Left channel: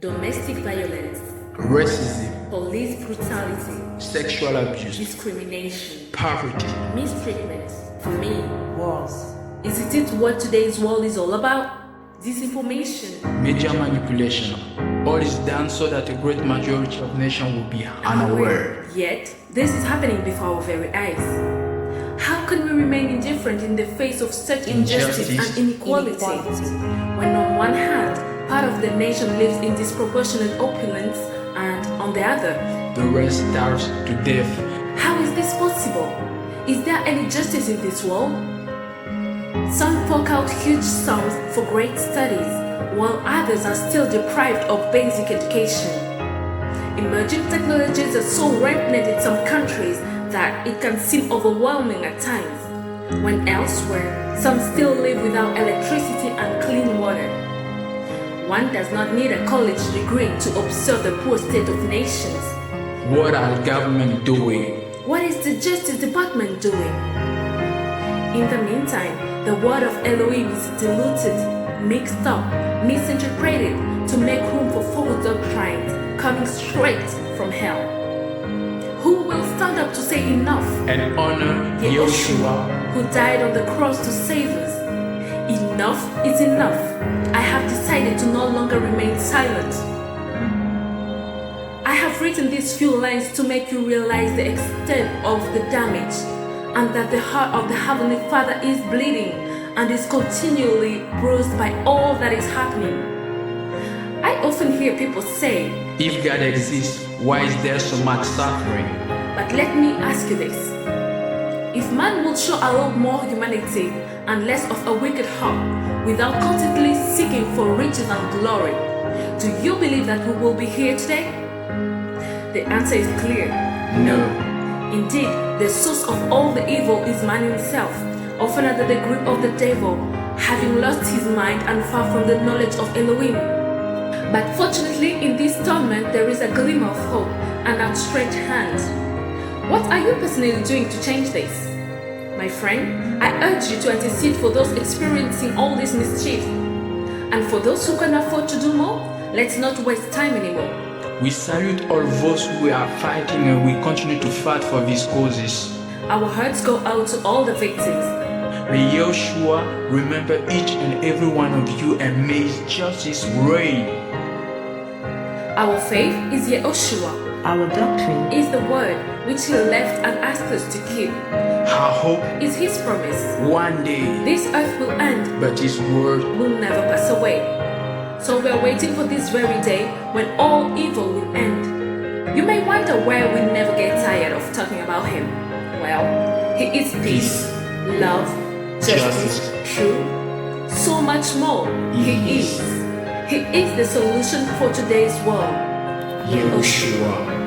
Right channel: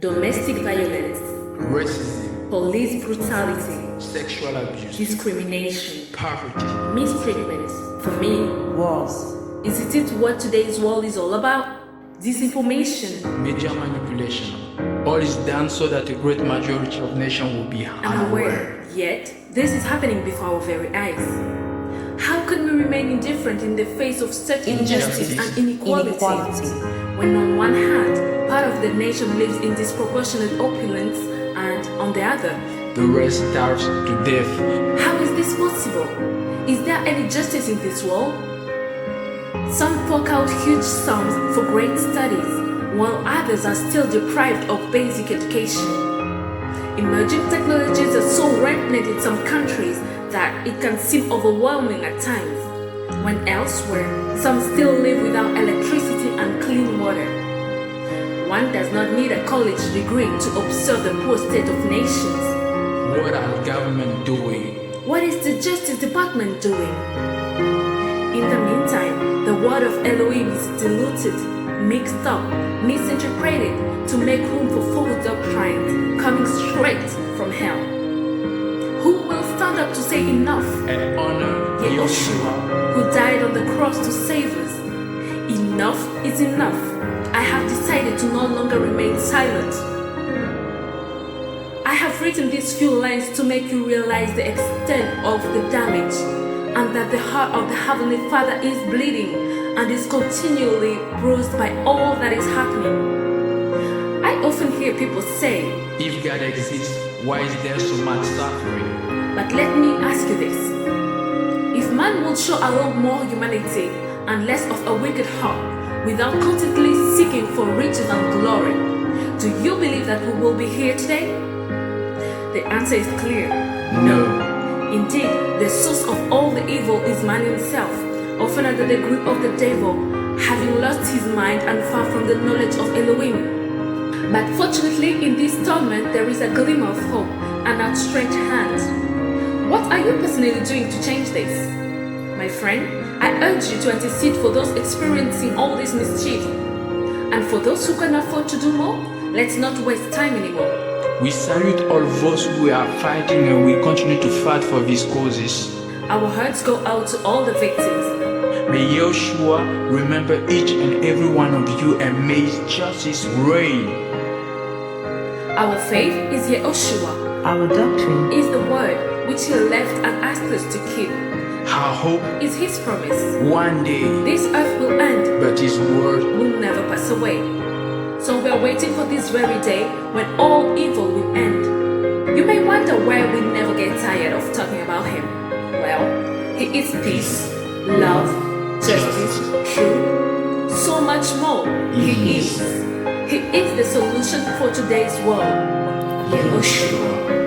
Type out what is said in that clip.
domestic violence, racism, police brutality, sexual abuse, discrimination, poverty, mistreatment, famine. Wars. Is it what today's world is all about? Disinformation, media manipulation. All is done so that a great majority of nations will be unaware. Yet, this is happening before our very eyes. How can we remain indifferent in the face of such injustice and inequality? When on one hand, part of the nation lives in disproportionate opulence and on the other, the rest starves to death. How is this possible? Is there any justice in this world? Some fork out huge sums for great studies, while others are still deprived of basic education. Emerging technologies are so rampant in some countries that it can seem overwhelming at times, when elsewhere, some still live without electricity and clean water. One does not need a college degree to observe the poor state of nations. What are the government doing? What is the Justice Department doing? In the meantime, the word of Elohim is diluted, mixed up, misinterpreted to make room for false doctrines coming straight from hell. Who will stand up to say enough? And honor Yehoshua, who died on the cross to save us. Enough is enough. I have decided to no longer remain silent. I have written these few lines to make you realize the extent of the damage, and that the heart of the Heavenly Father is bleeding and is continually bruised by all that is happening. I often hear people say, if God exists, why is there so much suffering? But let me ask you this. If man would show a little more humanity and less of a wicked heart, without constantly seeking for riches and glory, do you believe that we will be here today? The answer is clear. No. Indeed, the source of all the evil is man himself, often under the grip of the devil, having lost his mind and far from the knowledge of Elohim. But fortunately, in this torment, there is a glimmer of hope, an outstretched hand. What are you personally doing to change this? My friend, I urge you to intercede for those experiencing all this mischief. And for those who can afford to do more, let's not waste time anymore. We salute all those who are fighting, and we continue to fight for these causes. Our hearts go out to all the victims. May Yehoshua remember each and every one of you, and may His justice reign. Our faith is Yehoshua. Our doctrine is the word which He left and asked us to keep. Our hope is His promise. One day this earth will end, but His word will never pass away. So we are waiting for this very day when all evil will end. You may wonder why we never get tired of talking about Him. Well, He is peace, love, justice, truth, so much more. He is the solution for today's world. Yehoshua.